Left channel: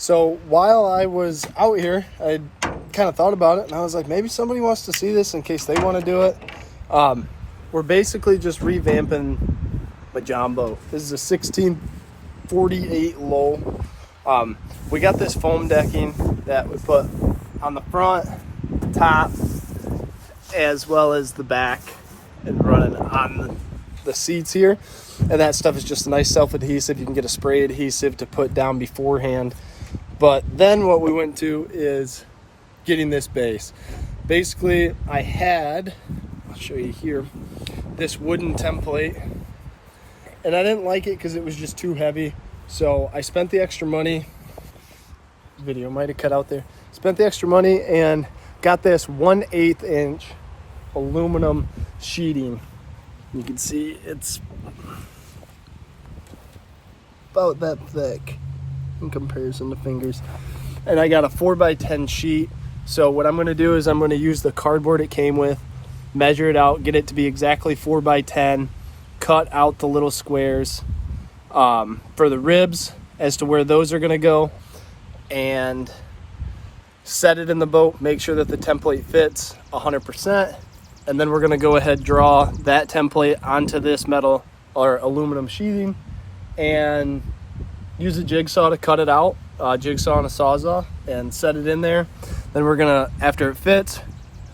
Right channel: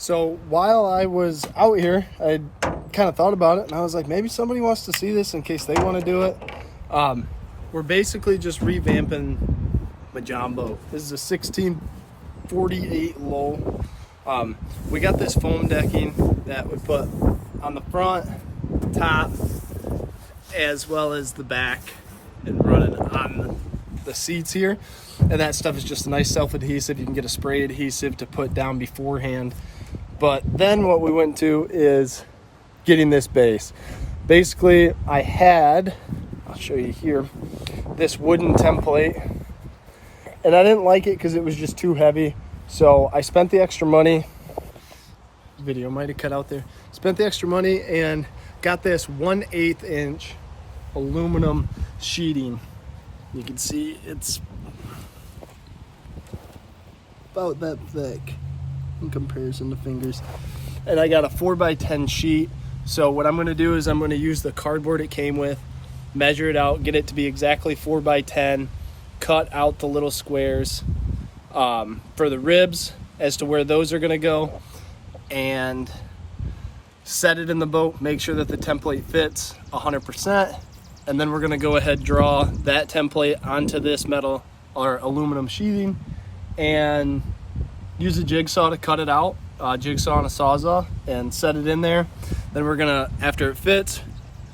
So while I was out here, I kind of thought about it, and I was like, maybe somebody wants to see this in case they want to do it. We're basically just revamping my Jon Boat. This is a 1648 low. We got this foam decking that we put on the front, top, as well as the back, and running on the seats here. And that stuff is just a nice self-adhesive. You can get a spray adhesive to put down beforehand. But then what we went to is getting this base. Basically, I had, I'll show you here, this wooden template. And I didn't like it because it was just too heavy. So I spent the extra money. Video might have cut out there. Spent the extra money and got this 1/8 inch aluminum sheeting. You can see it's about that thick in comparison to fingers. And I got a 4x10 sheet. So what I'm going to do is I'm going to use the cardboard it came with, measure it out, get it to be exactly 4x10, cut out the little squares for the ribs as to where those are going to go, and set it in the boat, make sure that the template fits 100%. And then we're going to go ahead and draw that template onto this metal or aluminum sheathing and use a jigsaw to cut it out, jigsaw and a sawzall, and set it in there. Then we're gonna, after it fits,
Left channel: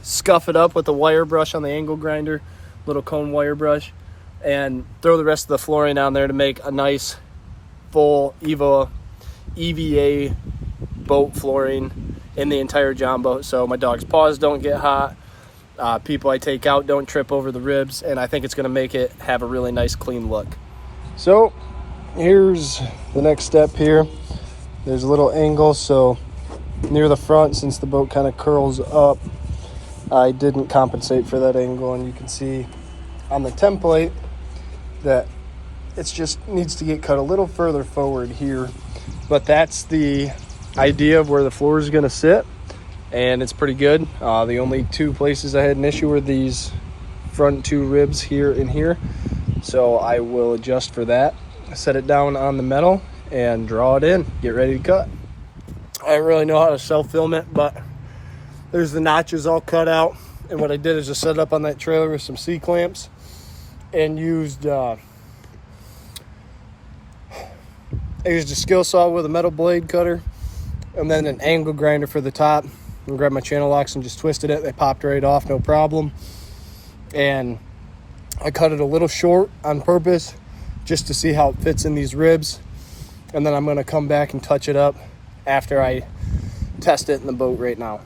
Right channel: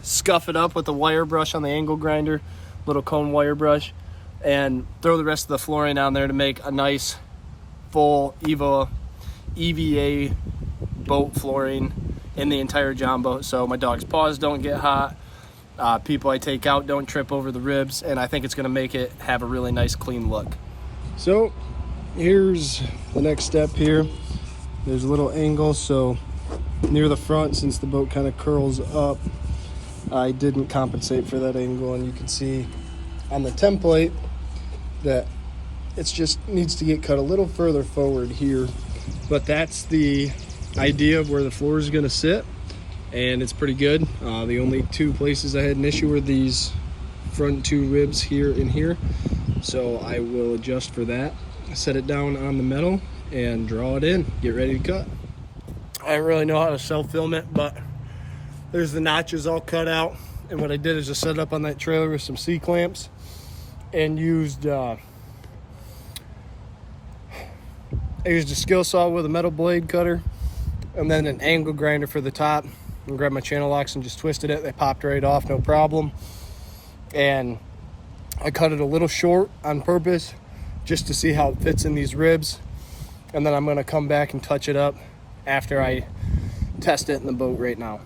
scuff it up with a wire brush on the angle grinder, little cone wire brush, and throw the rest of the flooring on there to make a nice full EVA boat flooring in the entire Jon Boat, so my dog's paws don't get hot, people I take out don't trip over the ribs, and I think it's gonna make it have a really nice clean look. So here's the next step here. There's a little angle, so near the front, since the boat kind of curls up, I didn't compensate for that angle, and you can see on the template that it just needs to get cut a little further forward here. But that's the idea of where the floor is going to sit, and it's pretty good. The only two places I had an issue were these front two ribs here and here, so I will adjust for that, set it down on the metal, and draw it in, get ready to cut. I don't really know how to self-film it, but there's the notches all cut out. And what I did is just set it up on that trailer with some C-clamps and used a skill saw with a metal blade cutter, and then an angle grinder for the top, and grabbed my channel locks and just twisted it. They popped right off, no problem. And I cut it a little short on purpose just to see how it fits in these ribs. And then I'm going to come back and touch it up after I test it in the boat right now.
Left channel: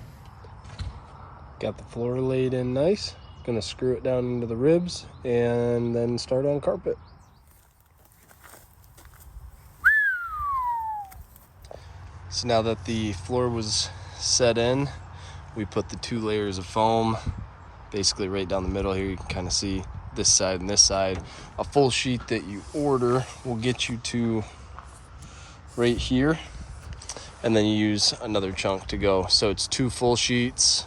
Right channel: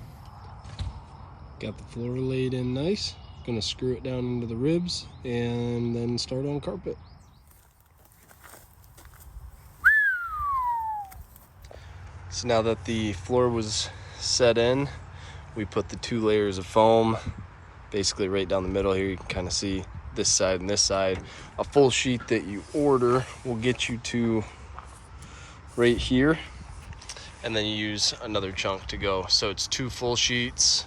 Got the floor laid in nice. Going to screw it down into the ribs and then start on carpet. So now that the floor was set in, we put the 2 layers of foam basically right down the middle here. You can kind of see this side and this side. A full sheet that you order will get you to right here, and then you use another chunk to go. So it's 2 full sheets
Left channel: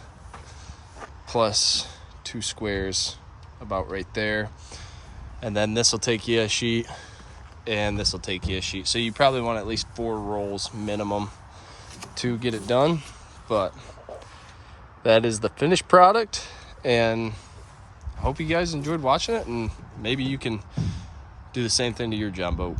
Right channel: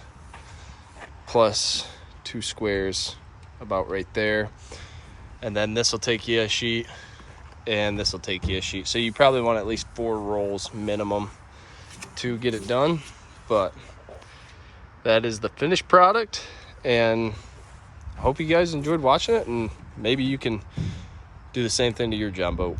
plus 2 squares about right there, and then this will take you a sheet, and this will take you a sheet. So you probably want at least 4 rolls minimum to get it done. But that is the finished product, and I hope you guys enjoyed watching it, and maybe you can do the same thing to your Jon Boat.